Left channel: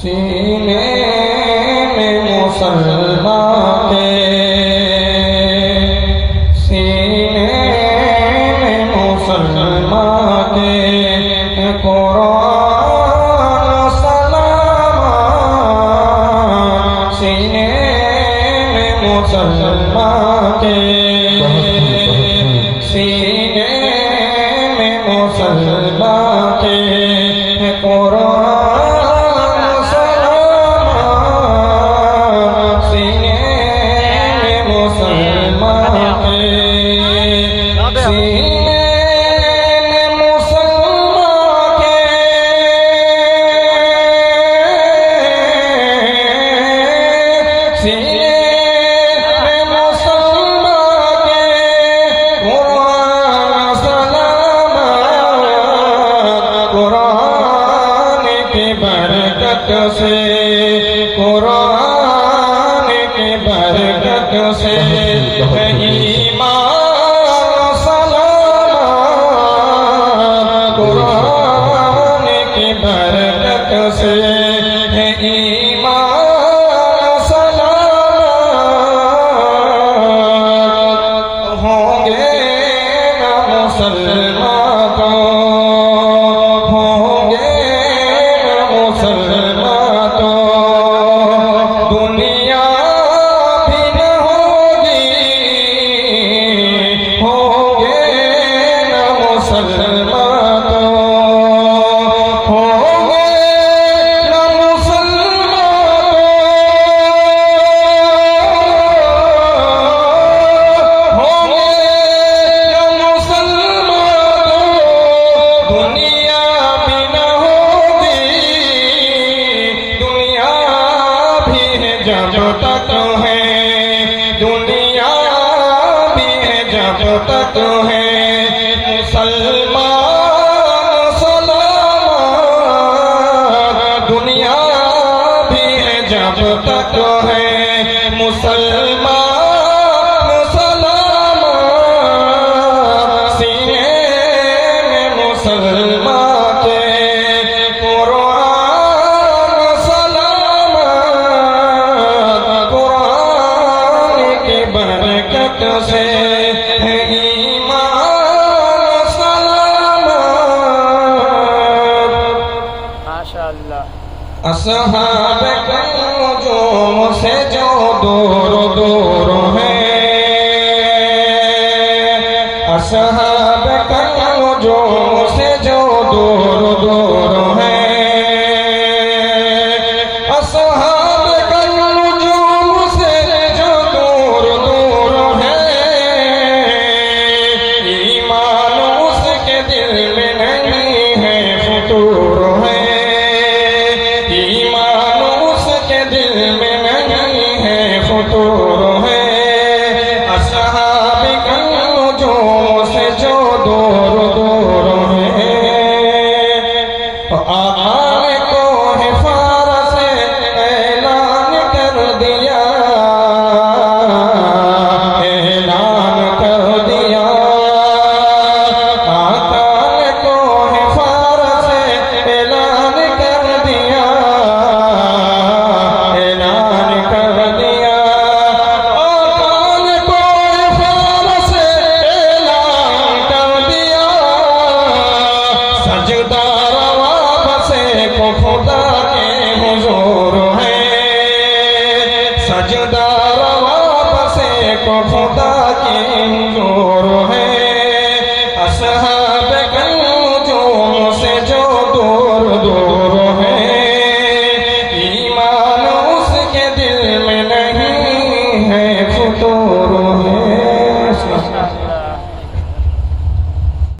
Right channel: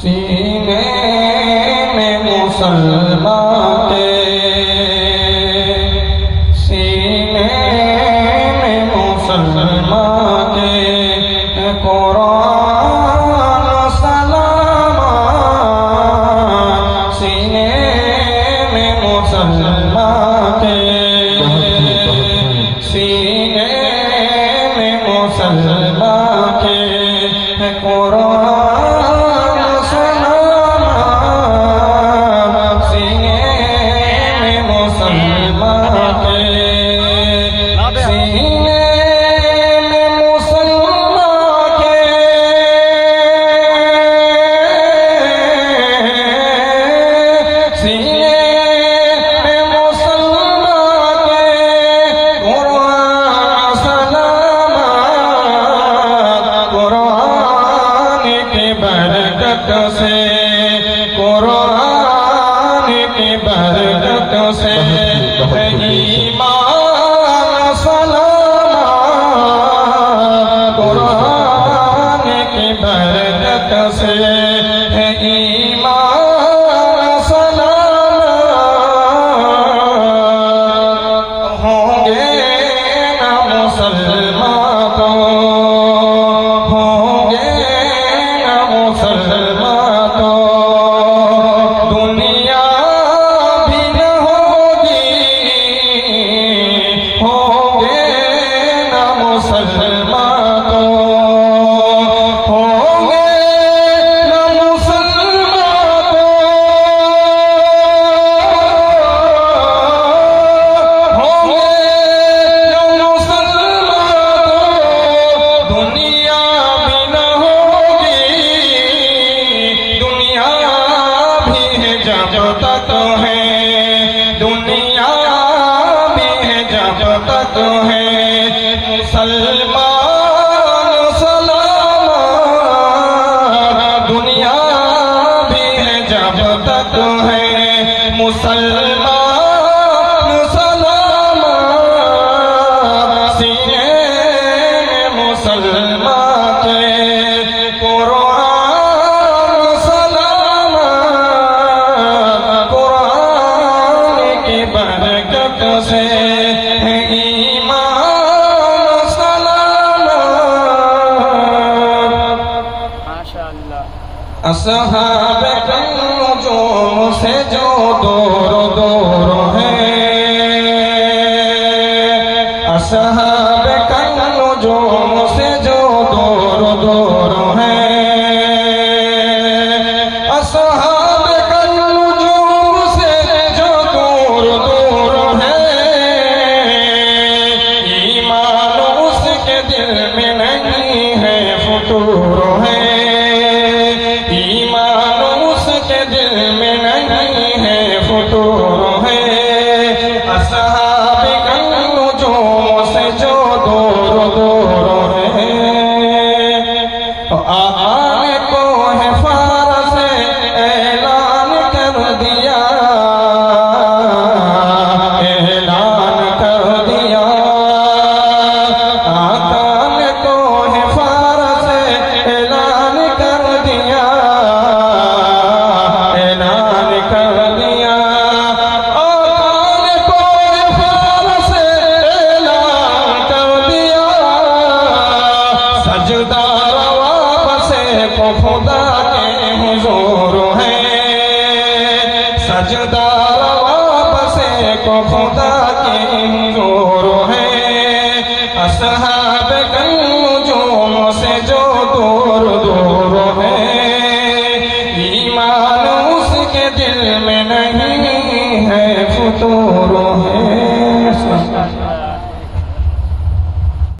सीने में मुसलमान के सीने में मुसलमान के कुरान सलाम सीने में मुसलमान के सीने में मुसलमान के कुरान असहाबे कमजोर से जो दूर दूर हैं असहाबे कमजोर से जो दूर दूर हैं असहाबे कमजोर से जो दूर दूर हैं ईमान उसके दिल में नहीं है फुतूर है खुदा की नूर है।